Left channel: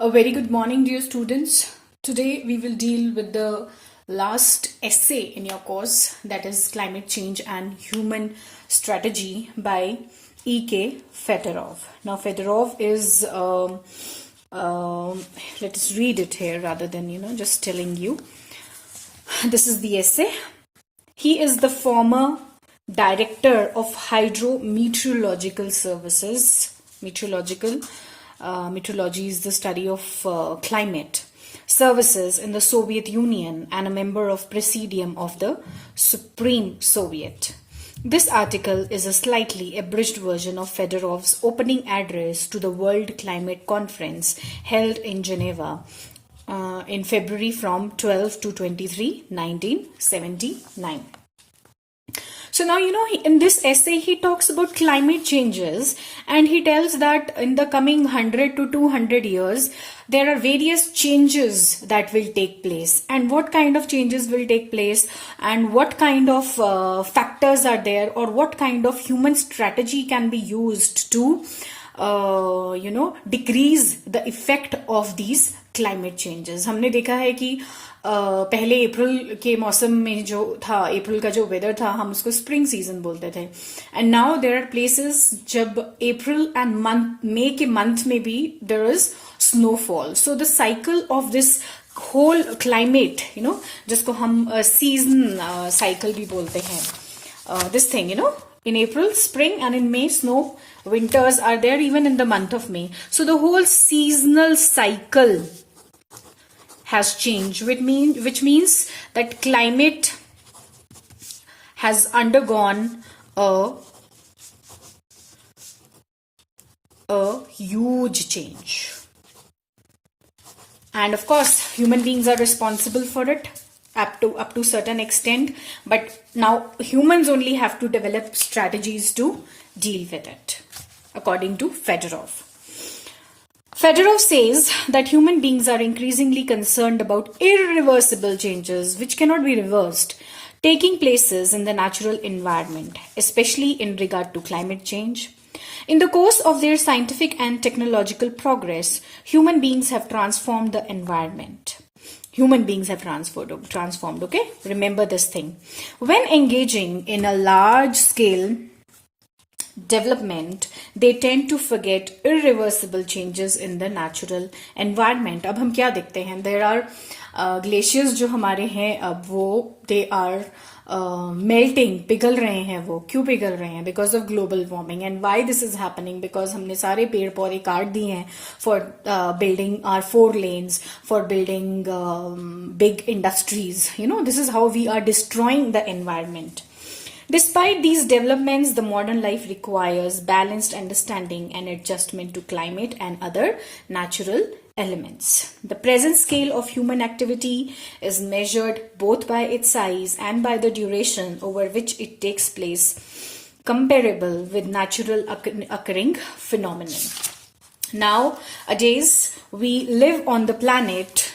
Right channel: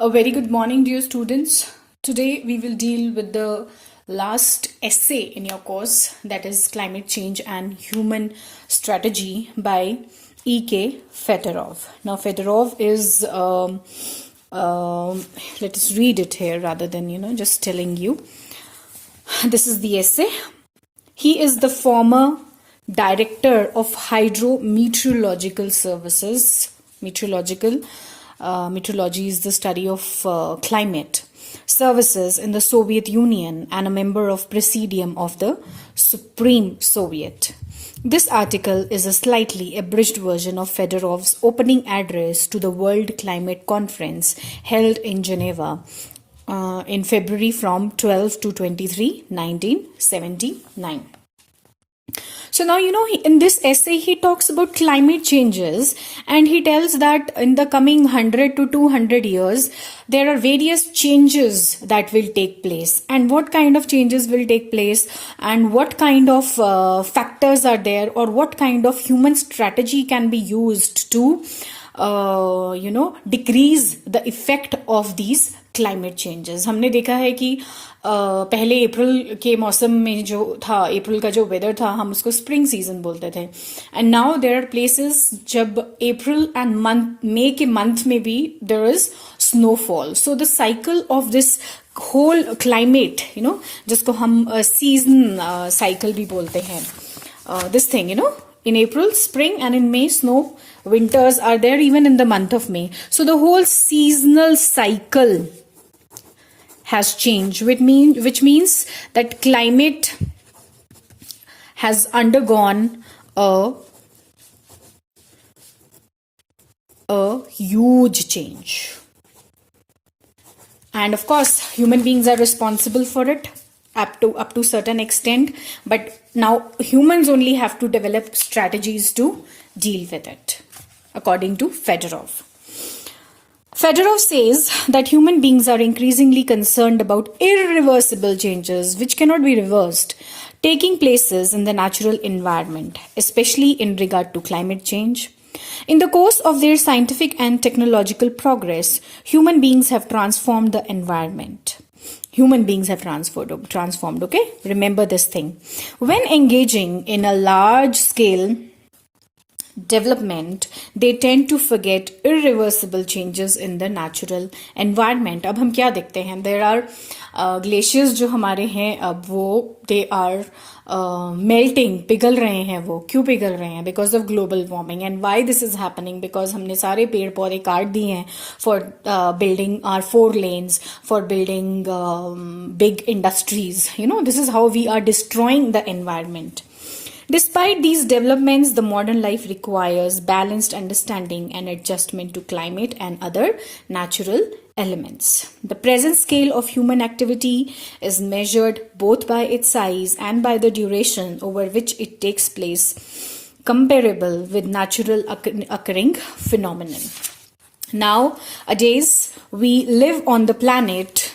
A very good morning, dear students. Today we will deal with the last essay in your course, that is Climate Change and Human Strategy by E.K. Fedorov. Now, Fedorov is, let us read it here rather than, just telling you. This is the essay. He is the former director of Hydrometeorological Services. Meteorology is the study of climate services in the Soviet Union and a member of Presidium of the Supreme Soviet. This article is a slightly abridged version of Fedorov's opening address to the World Climate Conference held in Geneva in February from 12 to 23, 1979. So now, in this essay, he talks about climate changes and he tells that in the coming 100 to 200 years, there are various changes that will take place. And what kind of changes will take place and what kind of factors are there, or what kind of human strategy can be used to, decrease the effect of these climate changes. हमने देखा है कि पहले अप्रैल के मौसम में जो था, अप्रैल का जो वेदर था, हम उसको स्प्रिंग सीजन बोलते थे. And now there are places जब अप्रैल एंड मई के मंथ में भी there is snowfall. So the cycle of this whole climate, जिसको हम सीजन साइकिल भी बोलते हैं, this thing, in April, spring, and in May, snow. Winters are there even in the month of May. So the whole seasonal cycle has changed, which means that climate has undergone a huge change. And of course, human beings are responsible for it up to certain extent, but now humans only have to develop strategies to deal with it, according to Fedorov. Fedorov says that human beings are increasingly concerned about irreversible changes which cannot be reversed taking places in the natural environment, especially in regard to climate change. In the course of their scientific and technological progress, human beings have transformed the environment. Human beings have transformed, okay? Remember this thing. When engaging in a large-scale development, they tend to forget irreversible changes in the natural environment. अब हम क्या देखते हैं? There are glaciers जो हमारे हैं, अब वो they are melting, पिघल रहे हैं. वो क्यों पिघल रहे हैं? Because of global warming. And why this is happening? Because हमने सारे पेड़ पौधे काट दिए हैं for building our 4 lanes, for building big industries. This is how we are destroying the environment. Despite these developments, the modern life requires balanced understanding and adjustment to climate and other natural elements. The present scale of human activity is measured both by its size and by the duration over which it takes place, comparable with natural occurring phenomenon. Nowadays, we live on the planet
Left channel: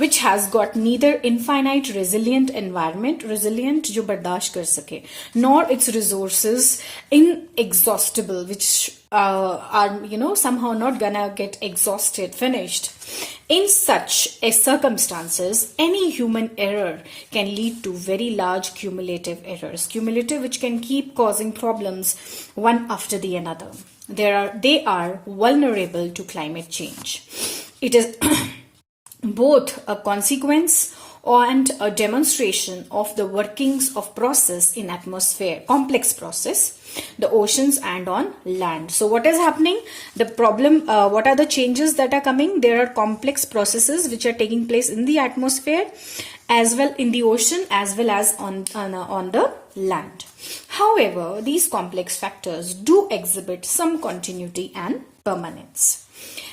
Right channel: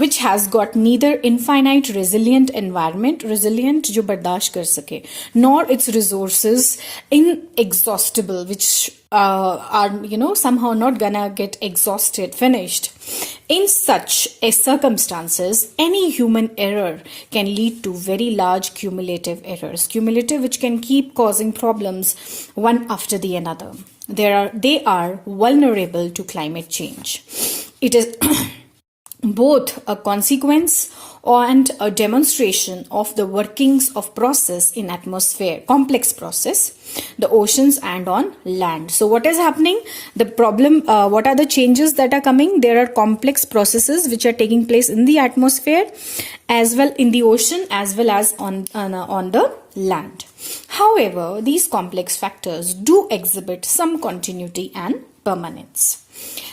which has got neither infinite resilient environment, resilient जो बर्दाश्त कर सके, nor its resources inexhaustible, which are somehow not gonna get exhausted, finished. In such circumstances, any human error can lead to very large cumulative errors, which can keep causing problems one after the another. They are vulnerable to climate change. It is both a consequence and a demonstration of the workings of process in atmosphere, complex process, the oceans and on land. So what is happening? The problem, what are the changes that are coming? There are complex processes which are taking place in the atmosphere, as well in the ocean, as well as on the land. However, these complex factors do exhibit some continuity and permanence.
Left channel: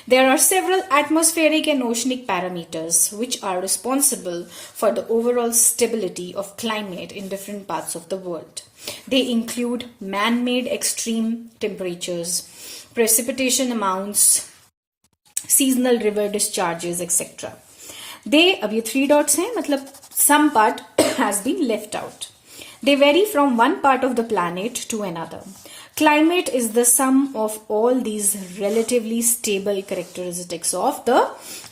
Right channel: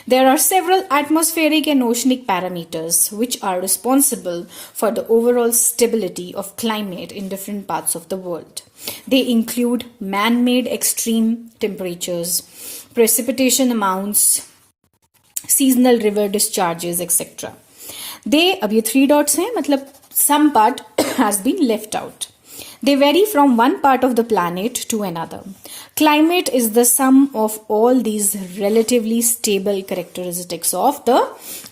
There are several atmospheric and oceanic parameters which are responsible for the overall stability of climate in different parts of the world. They include man-made extreme temperatures, precipitation amounts, seasonal river discharges, etc. अब ये 3 dots हैं, मतलब some part has been left out. They vary from one part of the planet to another. Climate is the sum of all these relatively stable characteristics of the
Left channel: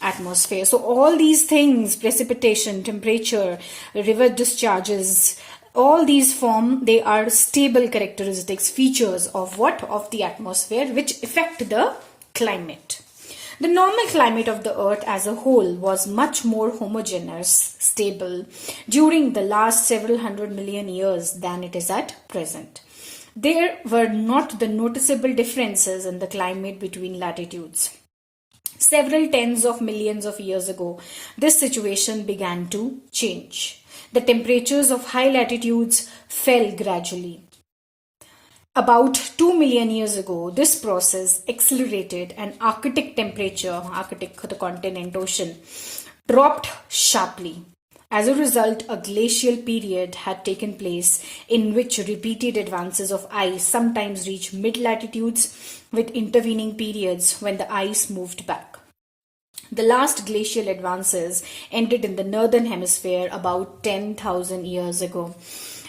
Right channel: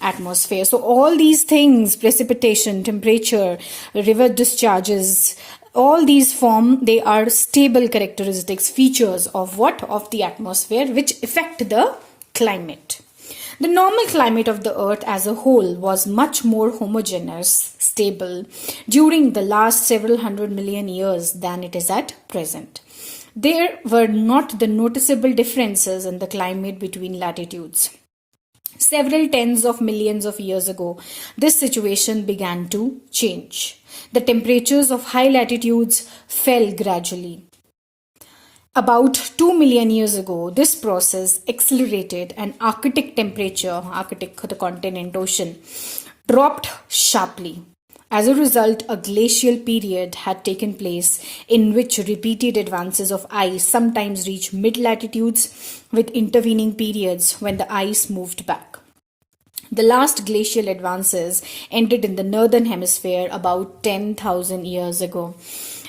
atmosphere. So all these things, precipitation, temperature, river discharges, all these they are stable characteristics, features of what? Of the atmosphere, which affect the climate. The normal climate of the earth as a whole was much more homogeneous, stable during the last several 100 million years than it is at present. There were not the noticeable differences in the climate between latitudes. Several tens of millions of years ago, this situation began to change. The temperatures of high latitudes fell gradually. About 2 million years ago, this process accelerated and Arctic temperature, Arctic, the continent, ocean, dropped sharply. As a result, a glacial period had taken place in which repeated advances of ice sometimes reached mid-latitudes with intervening periods when the ice moved back. The last glacial advances ended in the northern hemisphere about 10,000 years ago.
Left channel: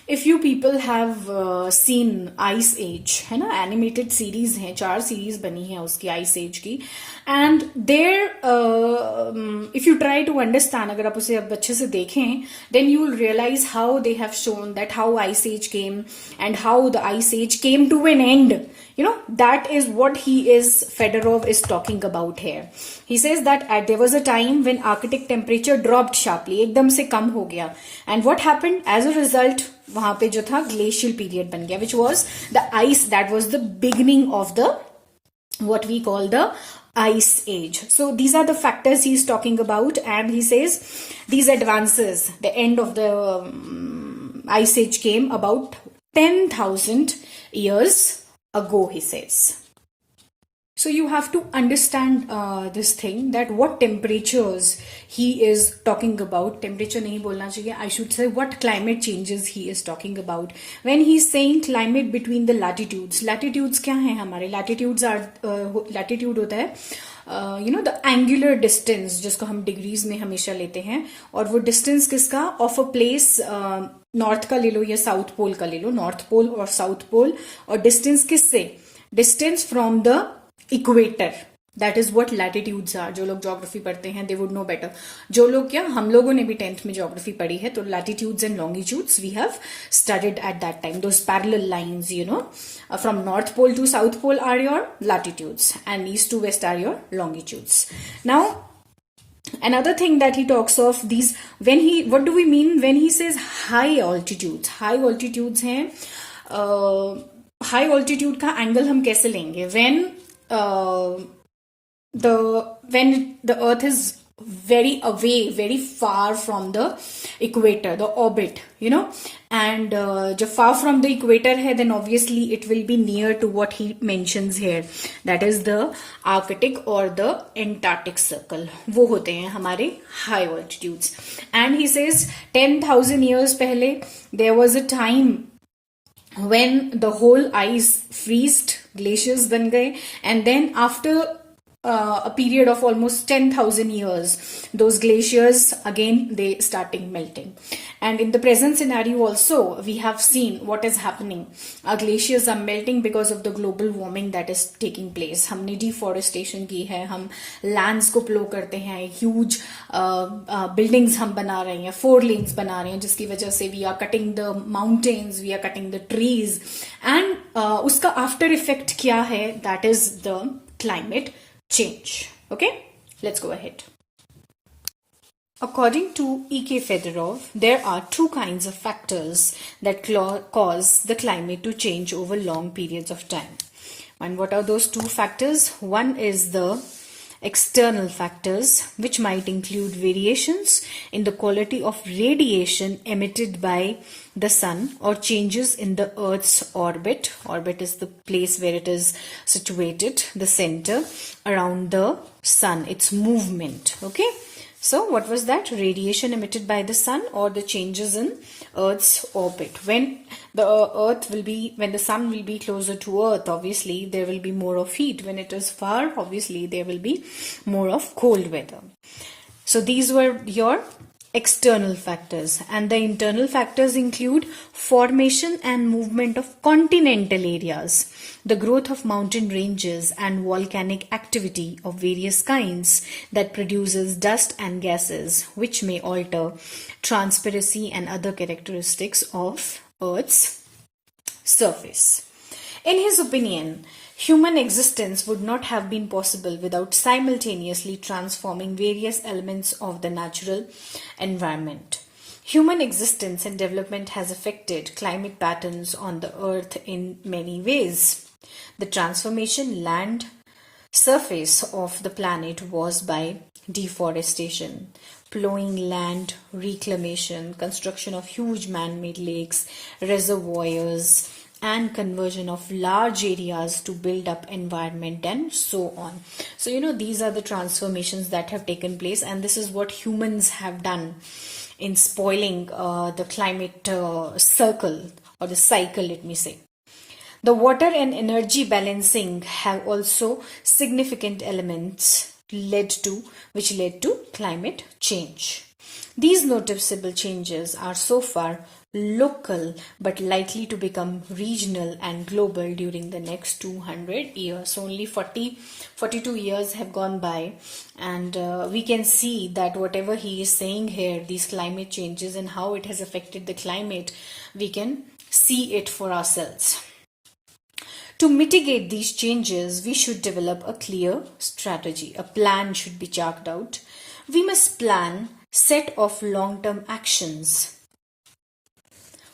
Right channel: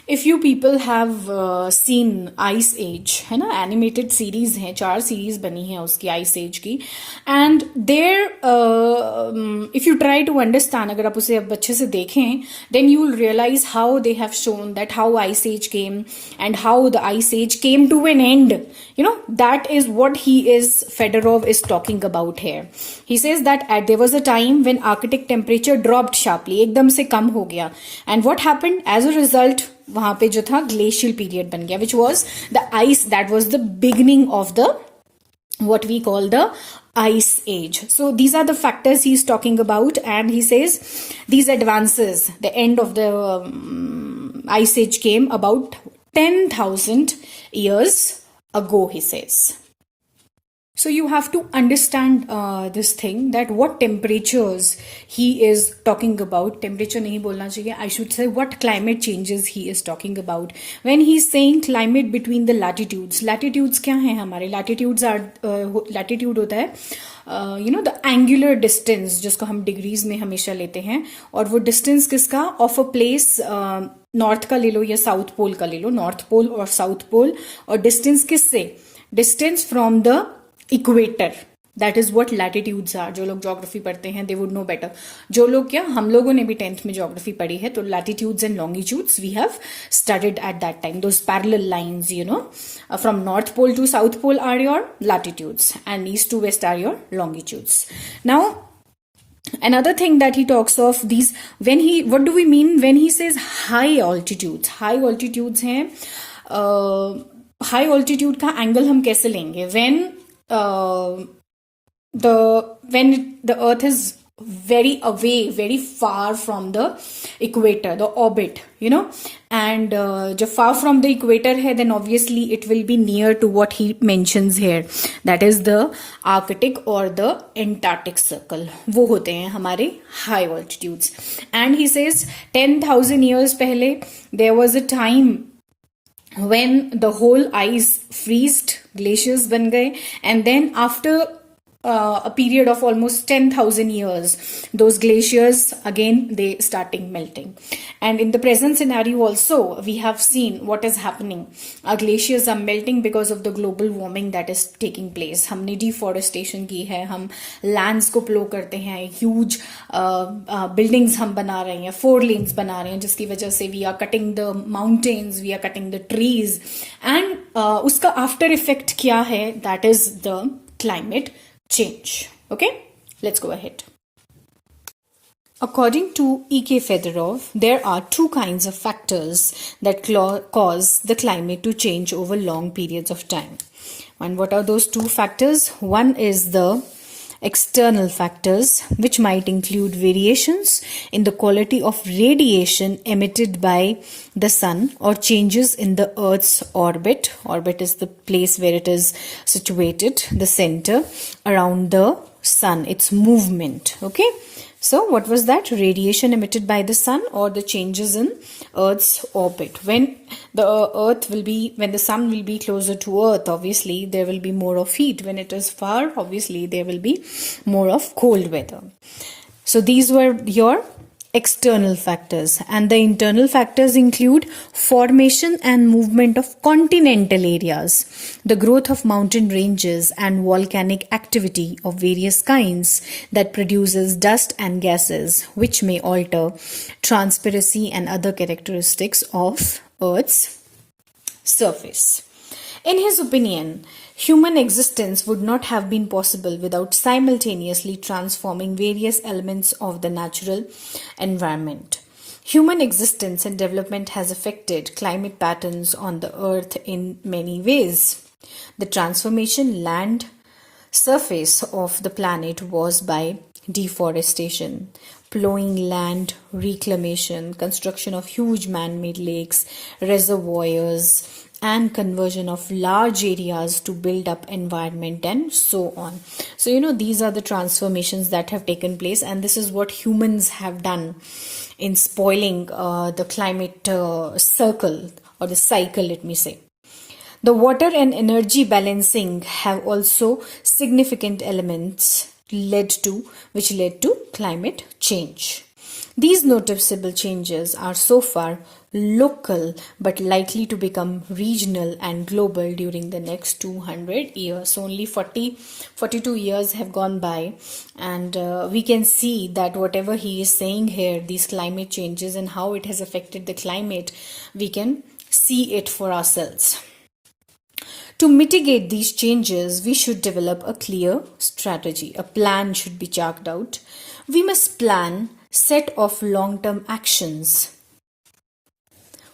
If you people have seen Ice Age, है ना, animated series हैं, 4 series बनी है उसकी Ice Age की, and there if you try to understand, अगर आप उसे अब अच्छे से देखें, then you will realize how they have shown that how Ice Age came and how the Ice Age came to an end. You know, that is what Fedorov is talking about here. He says that there was a time when Arctic temperature dropped sharply, एकदम से कम हो गया, and what happened as a result, वहां पे जो था glacial period बन गया, which was the ice, that was the beginning of the what we call the ice age. So these are the factors he's talking about, and he says these advances, the end of the ice age came about 10,000 years ago, he says. So you have to understand this thing, that what temperatures he is talking about. Temperature nahi bolna chahiye, I should say what climate changes he is talking about. When he is saying climate between the latitudes, latitudes kya hai hamare? Latitudes are, latitude hota hai, you know, the angular distance, जिसको हम degrees में हमेशा लेते हैं, और वो distance किसका? Of a place, north का ले लो या साउथ पोल का ले लो, नॉर्थ पोल और साउथ पोल, और डिस्टेंस किससे? Distance from the equator. That is what latitudes are. जो लोग ज्योग्राफी पढ़ते हैं दे वुड नो बेटर. जो लोग क्या, हम लोगों ने भी 10th में ज्योग्राफी पढ़ी है, तो latitudes and longitudes we have studied at that time. Those parallel lines, you know, from North Pole to South Pole are your latitudes and east to west are your longitudes. Now another thing that he talks of, these, what do we mean when he says high altitudes? High altitudes हैं, high altitude का angle हम कैसे लेंगे? when the earth is very away, very far from the equator, the orbit, you know, and जो far from the equator है, then obviously it will be near to what he mentions here, that is the Arctic or the Antarctic circle. वो होते हैं हमारे high altitudes. And he says 10,000 years पहले there was a time when the whole ice freezed, glaciers बन गए, and then after a period of almost 10,000 years, those glaciers again they starting melting. And in the present scenario also we have seen what is happening. Our glaciers are melting because of the global warming that is taking place. हमने deforestation की है, हम lands को plow करते हैं, huge buildings हम बना रहे हैं, 4 lanes बना रहे हैं, जिसकी वजह से we are cutting the mountains, we are cutting the trees, and उसका after effect क्या है? That is the climate change. Okay, let's go ahead. According to E.K. Fedorov, there are 2 kinds of factors that cause the climate to change over long periods of time. And what are those 2 factors? One is the external factors, which might include variations in the quality of radiation emitted by the sun or changes in the Earth's orbit. Orbit is the place where it is situated, the center around the sun, its movement. Okay. So what was that? Radiation emitted by the sun or the changes in Earth's orbit. When the sun will be closer to Earth, obviously there will be more of heat. When it is far, obviously there will be more of cold weather. So these were your external factors, and the internal factors include formation and movement of continental areas, the growth of mountain ranges, and volcanic activity of various kinds that produces dust and gases which may alter transparency and other characteristics of Earth's surface. In his opinion, human existence would not have been possible without simultaneously transforming various elements of the natural environment. Human existence and development has affected climate patterns on the earth in many ways. The transformation land surface of the planet was by deforestation, plowing land, reclamation, construction of huge man-made lakes, reservoirs, and conversion of large areas to build up environment and so on. So, these are the transformations that have taken place, and this is what humans have done in spoiling the climate circle or the cycle, let me say. The water and energy balancing have also significant elements which led to climate change. These noticeable changes are so far local but likely to become regional and global during the next 200 years. Only 42 years have gone by, and we can see that whatever he is saying here, these climate changes and how it has affected the climate, we can see it for ourselves. To mitigate these changes, we should develop a clear strategy. A plan should be chalked out. We must plan set of long-term actions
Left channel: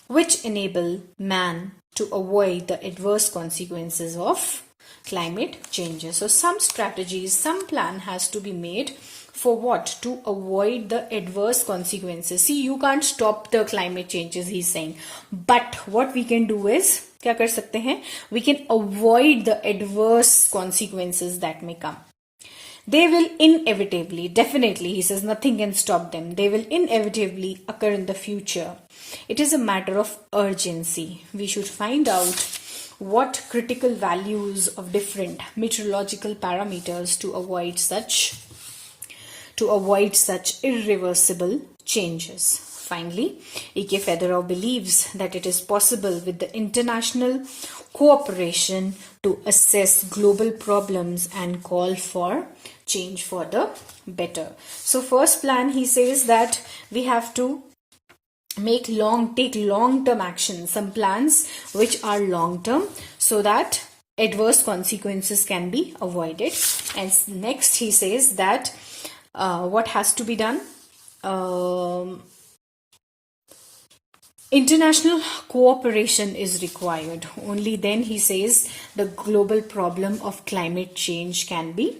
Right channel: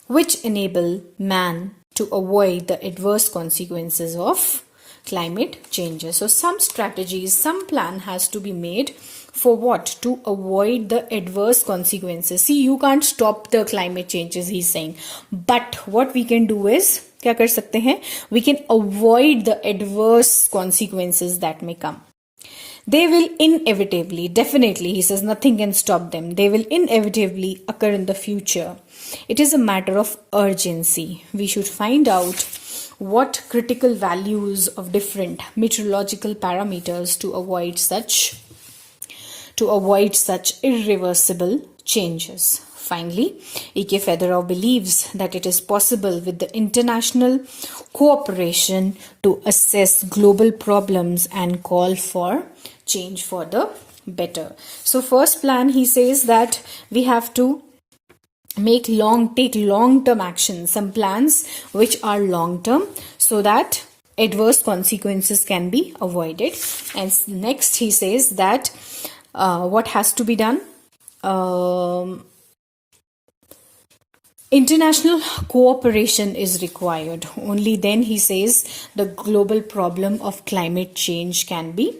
which enable man to avoid the adverse consequences of climate changes. So some strategies, some plan has to be made for what? To avoid the adverse consequences. See, you can't stop the climate changes, he's saying. But what we can do is, क्या कर सकते हैं? We can avoid the adverse consequences that may come. They will inevitably, definitely, he says, nothing can stop them. They will inevitably occur in the future. It is a matter of urgency. We should find out what critical values of different meteorological parameters to avoid such irreversible changes. Finally, E.K. Federer believes that it is possible with the international cooperation to assess global problems and call for change for the better. So first plan, he says that we have to take long-term action, some plans which are long-term, so that adverse consequences can be avoided. And next he says that what has to be done? International cooperation is required. Only then, he says, the global problem of climate change can be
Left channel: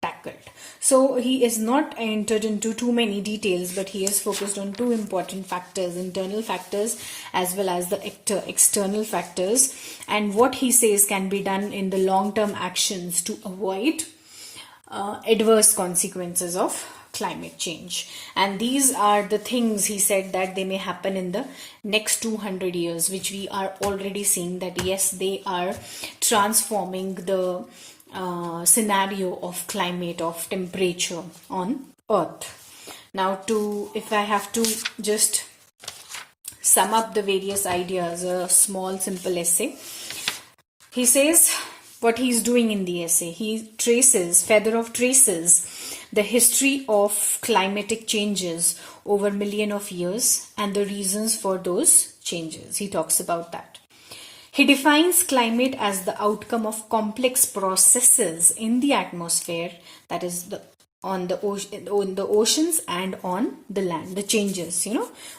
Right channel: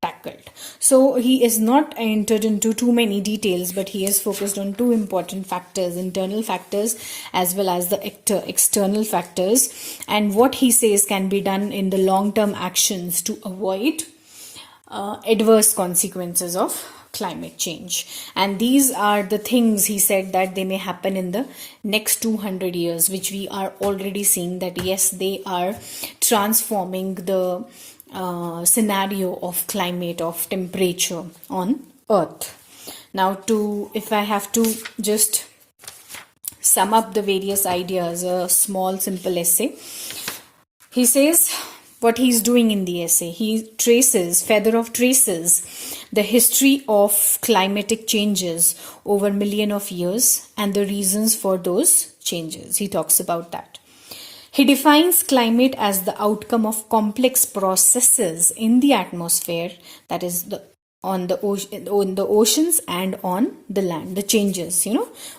tackled. So he is not entered into too many details, but he is focused on two important factors, internal factors as well as the external factors, and what he says can be done in the long-term actions to avoid adverse consequences of climate change. And these are the things, he said, that they may happen in the next 200 years, which we are already seeing that yes, they are transforming the scenario of climate, of temperature on Earth. Now, if I have to just sum up the various ideas, a small simple essay, he says what he's doing in the essay. Federer traces the history of climatic changes over millions of years and the reasons for those changes. He talks about that. He defines climate as the outcome of complex processes in the atmosphere, that is on the oceans and on the land. The changes,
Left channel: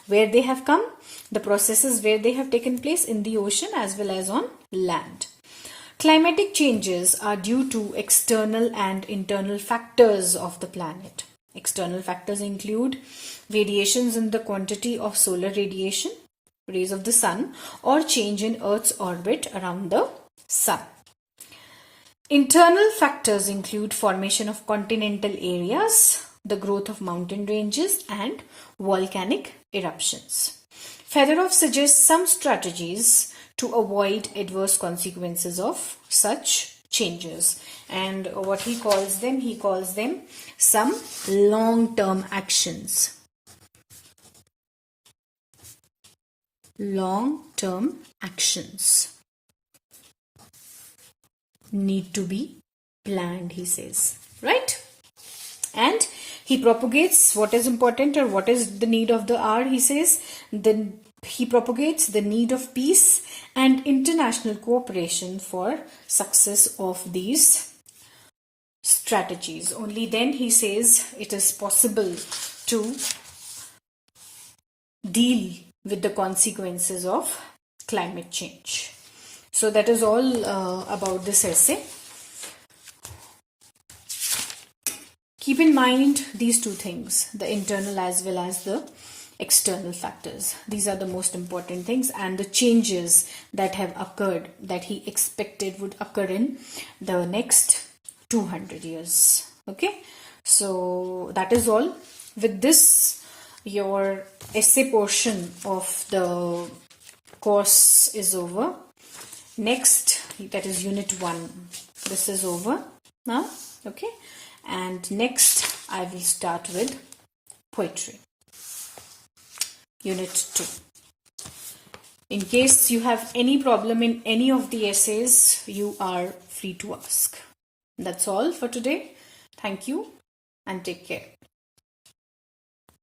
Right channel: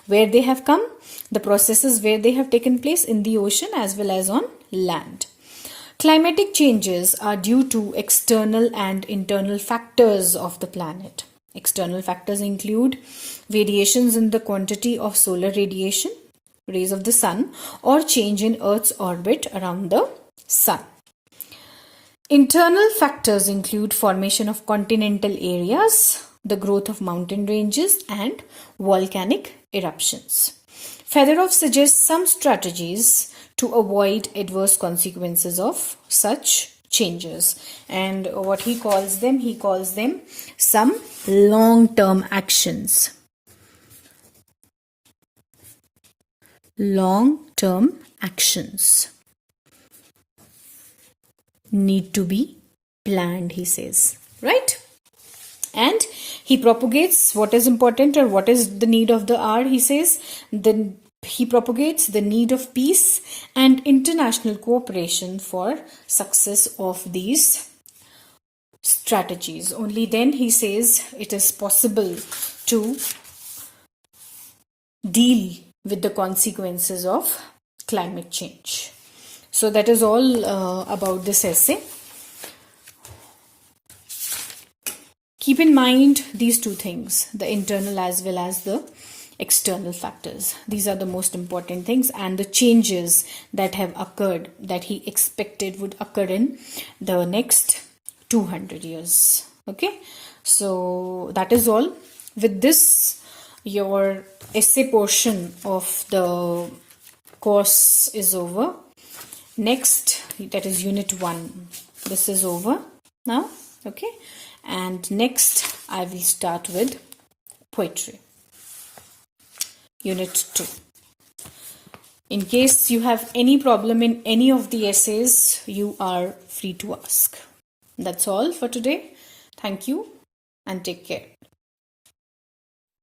where they have come, the processes where they have taken place in the ocean as well as on land. Climatic changes are due to external and internal factors of the planet. External factors include variations in the quantity of solar radiation, rays of the sun, or change in Earth's orbit around the sun. Internal factors include formation of continental areas, the growth of mountain ranges, and volcanic eruptions. Federer suggests some strategies to avoid adverse consequences of such changes, and what he calls them some long-term actions. long-term actions need to be planned, he says, right? And he propagates what is important or what is the need of the hour, he says. Then he propagates the need of peace and international cooperation for success of these strategies. Only then, he says, it is possible to deal with the consequences of climate change. So that is all about this essay. Keep in mind these two things, the internal as well as the external factors. These are the most important things, and the changes that have occurred that he expected would occur in the next 200 years. Okay, so that is all. With this, your essay portion of the course is over. Next, that is unit 1. This is over now. Okay, and next I will start with poetry, unit 2. In case you have any problem in any of the essays, you are free to ask. That's all for today. Thank you and take care.